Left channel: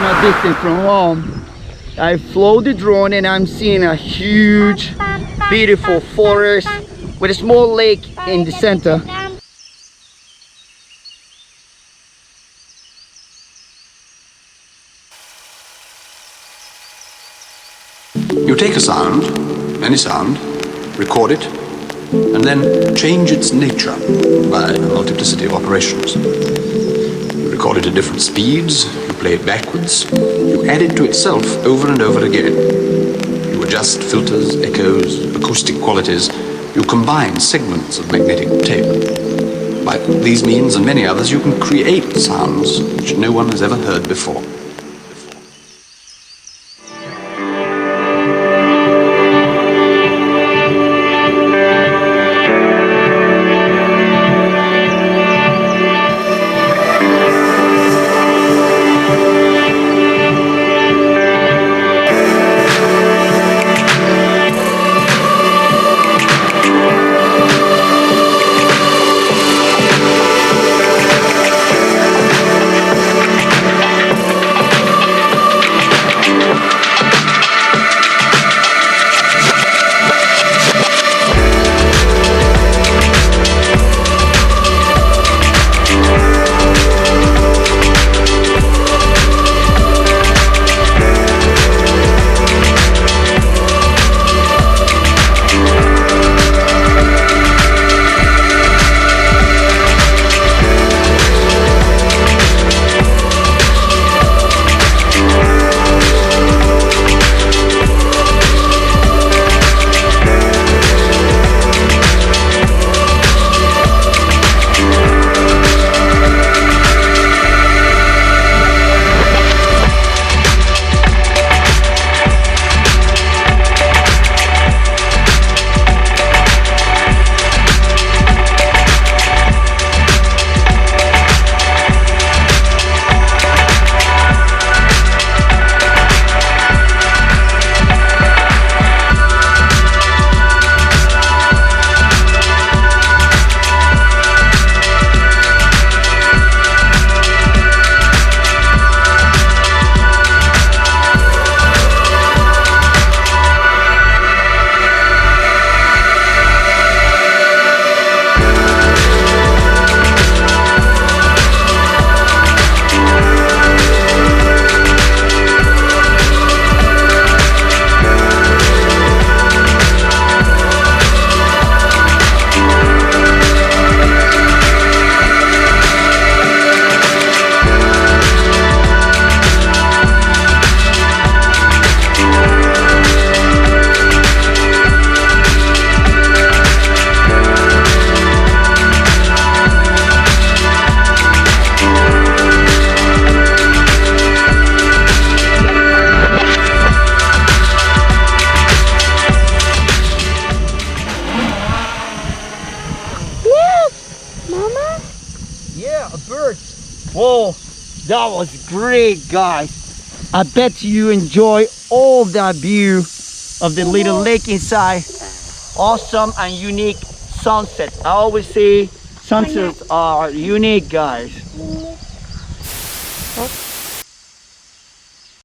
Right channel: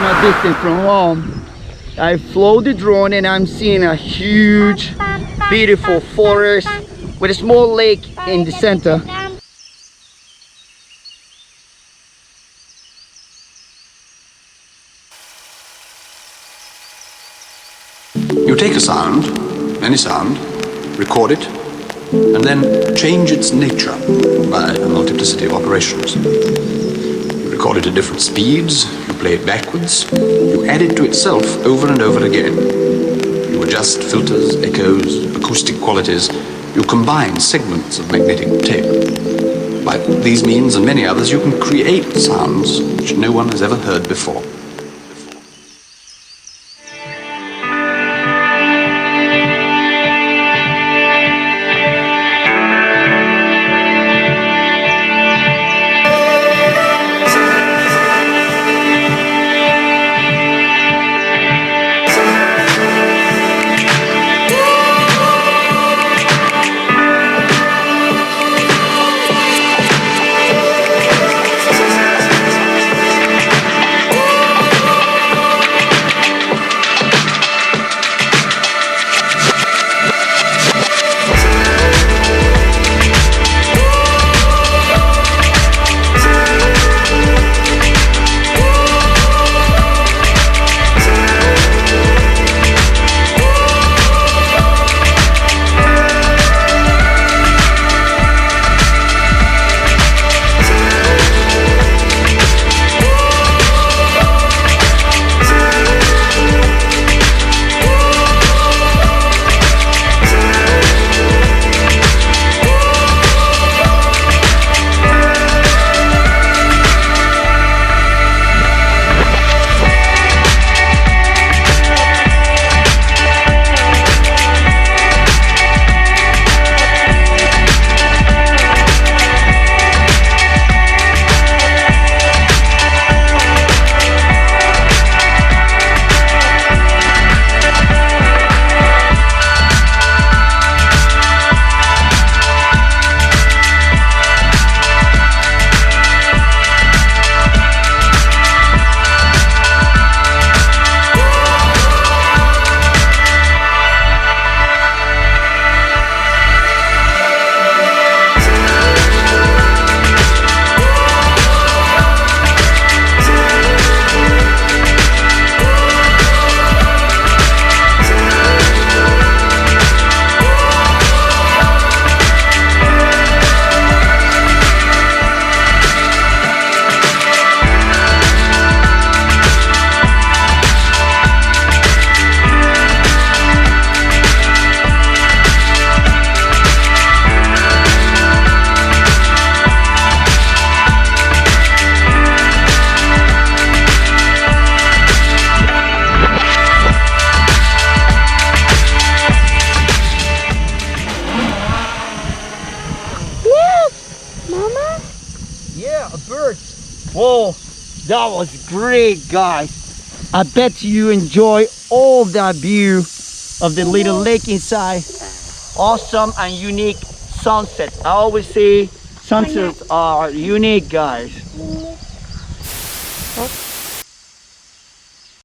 distance from home. I flew the drone and I'm seeing a huge, beautiful forest with a small lake in the center. You take a sound, any sound, record it, and then change its nature by a multiplicity of operations. You record it at different speeds, you play it backwards, you add it to itself over and over again. You adjust filters, echoes, acoustic qualities, you combine segments of magnetic tape. By these means and many others, you can create sounds which no one has ever heard before. Whoa, that was great, guys. I bet you enjoy all that view of the little lake inside. Awesome and unique sunset. I always say sunsets are unique, guys.